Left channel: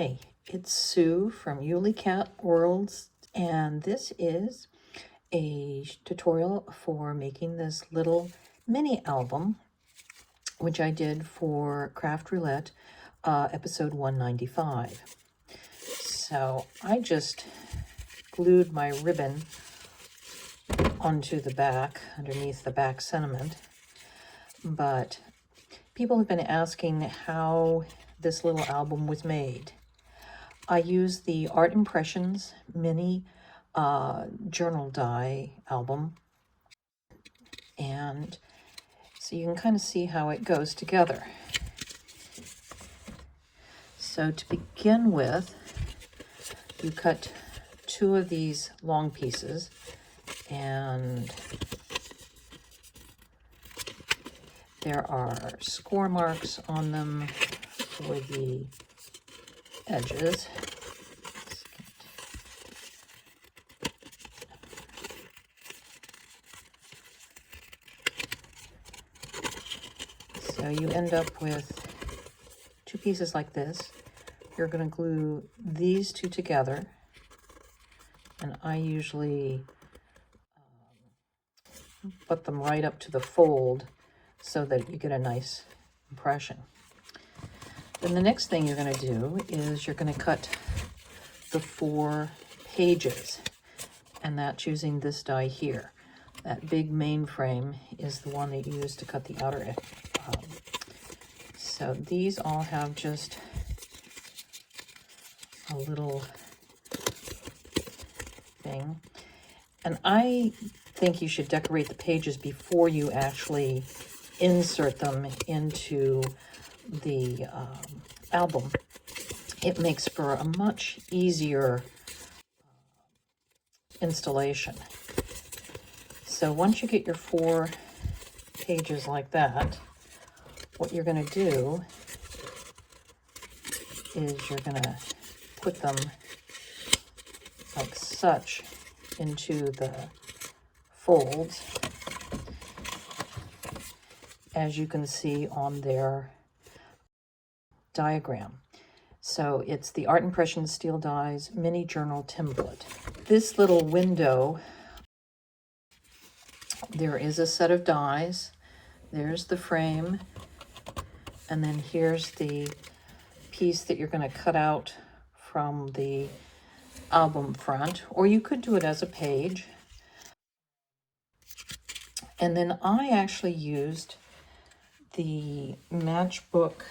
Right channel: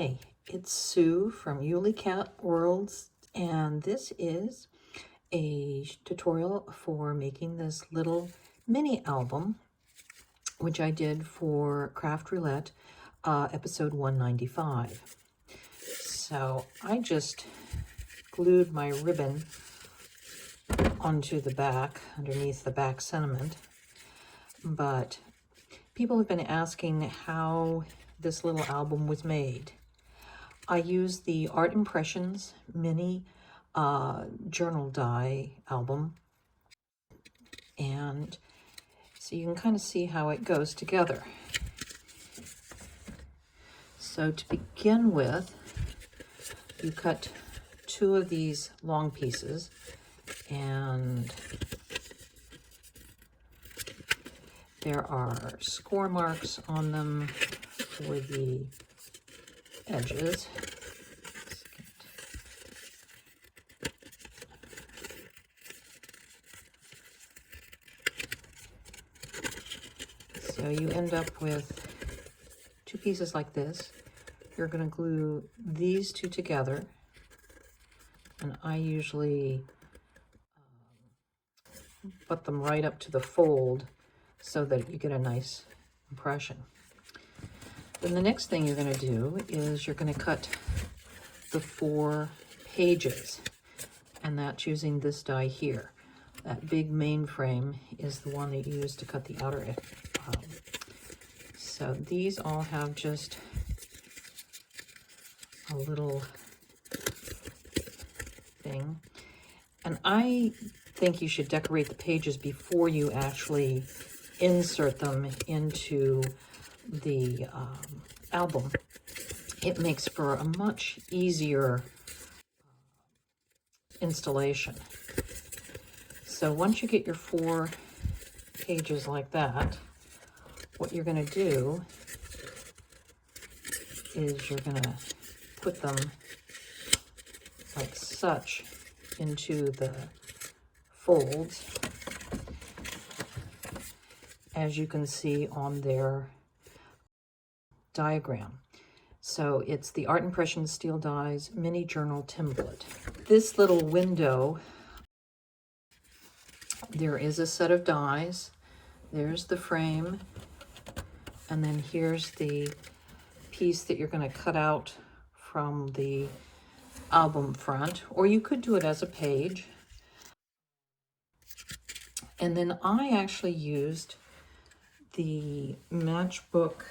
Hi, it's Sue from Ully Cat Worlds, and this is a tutorial for making this little mini album, which I did for Craft Roulette, episode 195. So I just glued my ribbon onto the back, underneath the back sentiment, but people have been asking how this little album was made. I used the Art Impressions mini journal die album, and so you can kind of see how it goes together. So to begin with, you cut 2 of these long pieces, and there are score marks on them for the edges. So you end up with 2 pieces like this. You're going to glue these 2 together, and I usually put them right up to the fold so that you get a nice impression. Then the next thing you're going to do is you're going to cut the 4 pages, and that's using this die here. That big mainframe is the one that you use to cut the outer edge. So these all have just a little thing, and I think you should decorate the pages before you actually insert them into the album. It makes for a much easier installation. So once you get your 4 pages like that, what you're going to do is you're going to put them like such into the folds, as you can see on their diagram. So it's the Art Impression Steel Dies Mini Journal Template. This little window, there is a set of dies. There's the frame, and then here's the piece that you're going to cut out from the album front, or you could do it as a page. And then I actually used the matchbook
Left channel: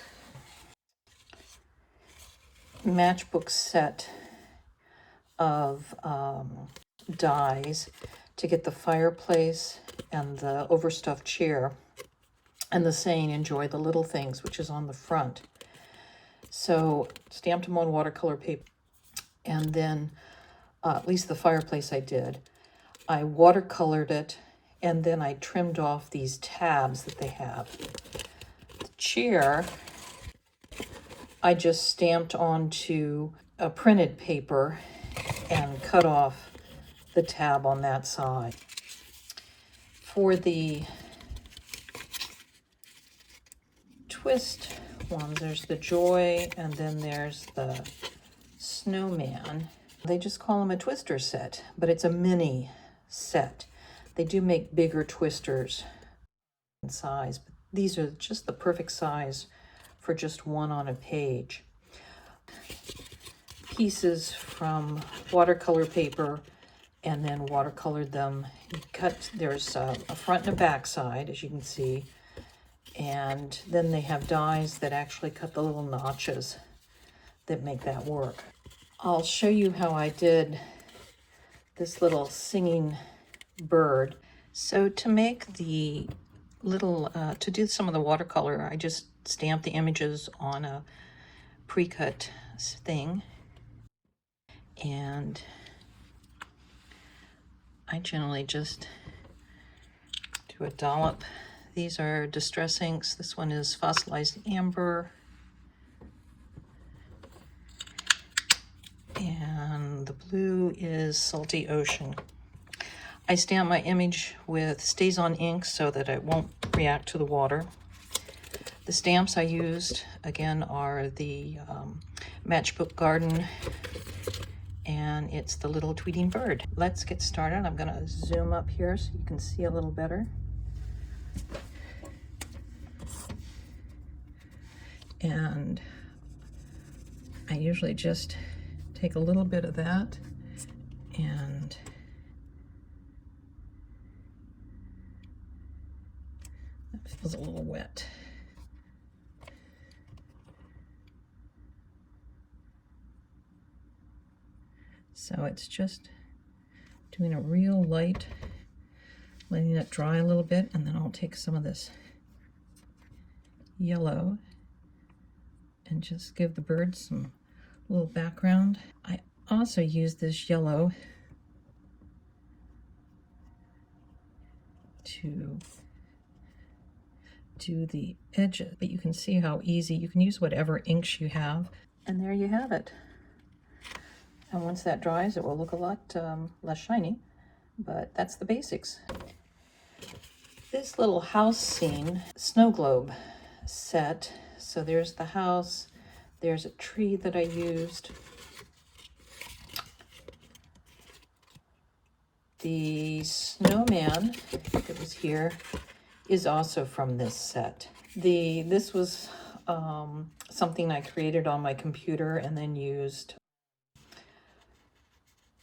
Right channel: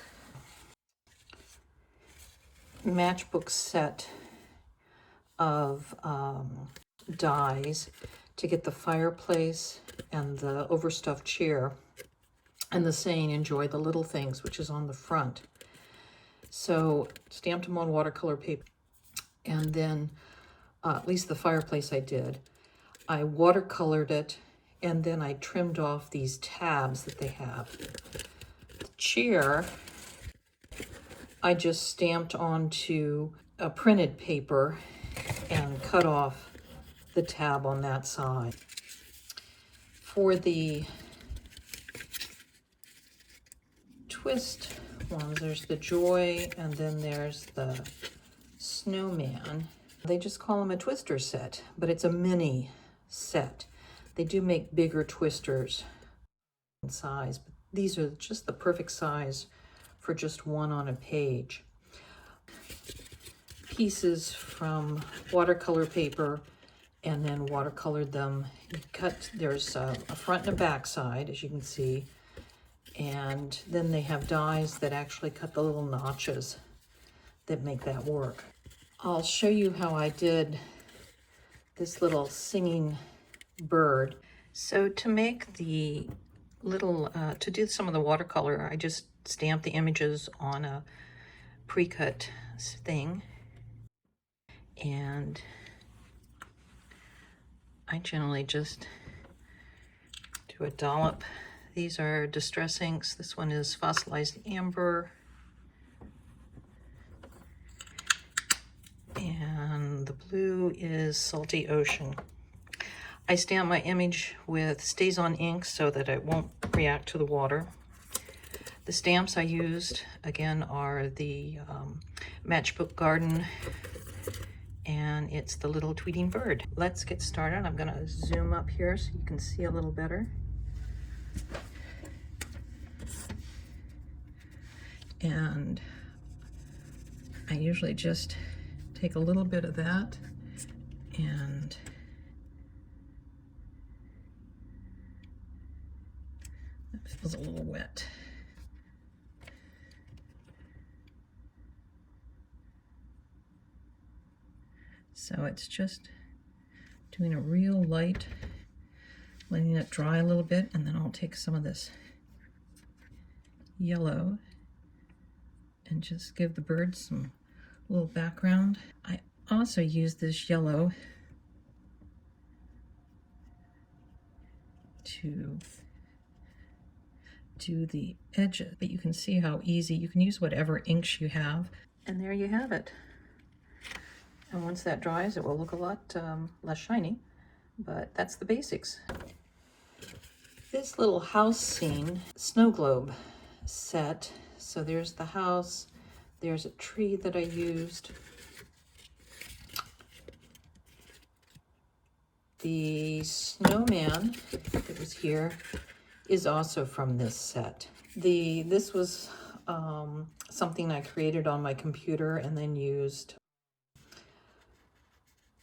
set of dies to get the fireplace and the overstuffed chair and the saying "Enjoy the little things," which is on the front. So stamped them on watercolor paper, and then at least the fireplace I did. I watercolored it, and then I trimmed off these tabs that they have. The chair, I just stamped onto a printed paper and cut off the tab on that side. For the twist ones, there's the joy, and then there's the snowman. They just call them a twister set, but it's a mini set. They do make bigger twisters in size, but these are just the perfect size for just one on a page. Pieces from watercolor paper, and then watercolored them. You cut, there's a front and a back side, as you can see, and then they have dies that actually cut the little notches that make that work. I'll show you how I did this little singing bird. So to make the little, to do some of the watercolor, I just stamped the images on a pre-cut thing, and I generally just do a dollop. These are distress inks. This one is fossilized amber, and the blue is salty ocean. I stamp my image with StazOn ink so that it won't react to the water. The stamps I used, again, are the matchbook garden, and it's the little tweeting bird. Let's get started. I'm going to zoom up here so you can see a little better. And I usually just take a little bit of that and it feels a little wet. So it's just doing a real light, letting it dry a little bit, and then I'll take some of this yellow and just give the birds some little background. I also use this yellow to do the edges, but you can see how easy, you can use whatever inks you have. And there you have it. And once that dries, it will look a lot less shiny, but that's the basics. This little house scene, snow globe set. So there's the house, there's a tree that I used. The snowman that was here is also from this set. This was something I created on my computer and then used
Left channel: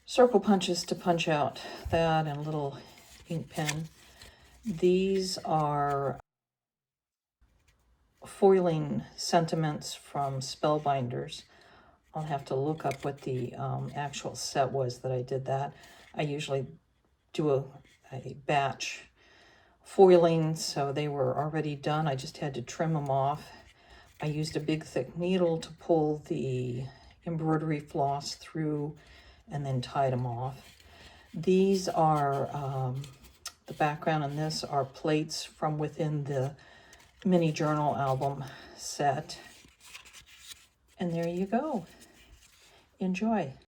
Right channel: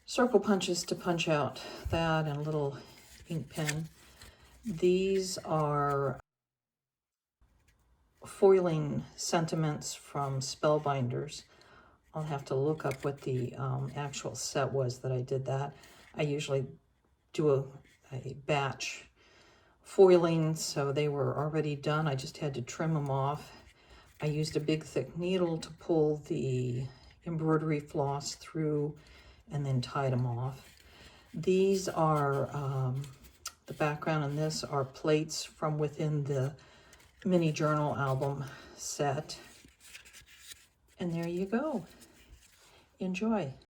circle punches to punch out that and a little ink pen. These are foiling sentiments from Spellbinders. I'll have to look up what the actual set was that I did that. I usually do a batch foiling, so they were already done. I just had to trim them off. I used a big thick needle to pull the embroidery floss through and then tied them off. These are, the background on this are plates from within the mini journal album set. And there you go. Enjoy.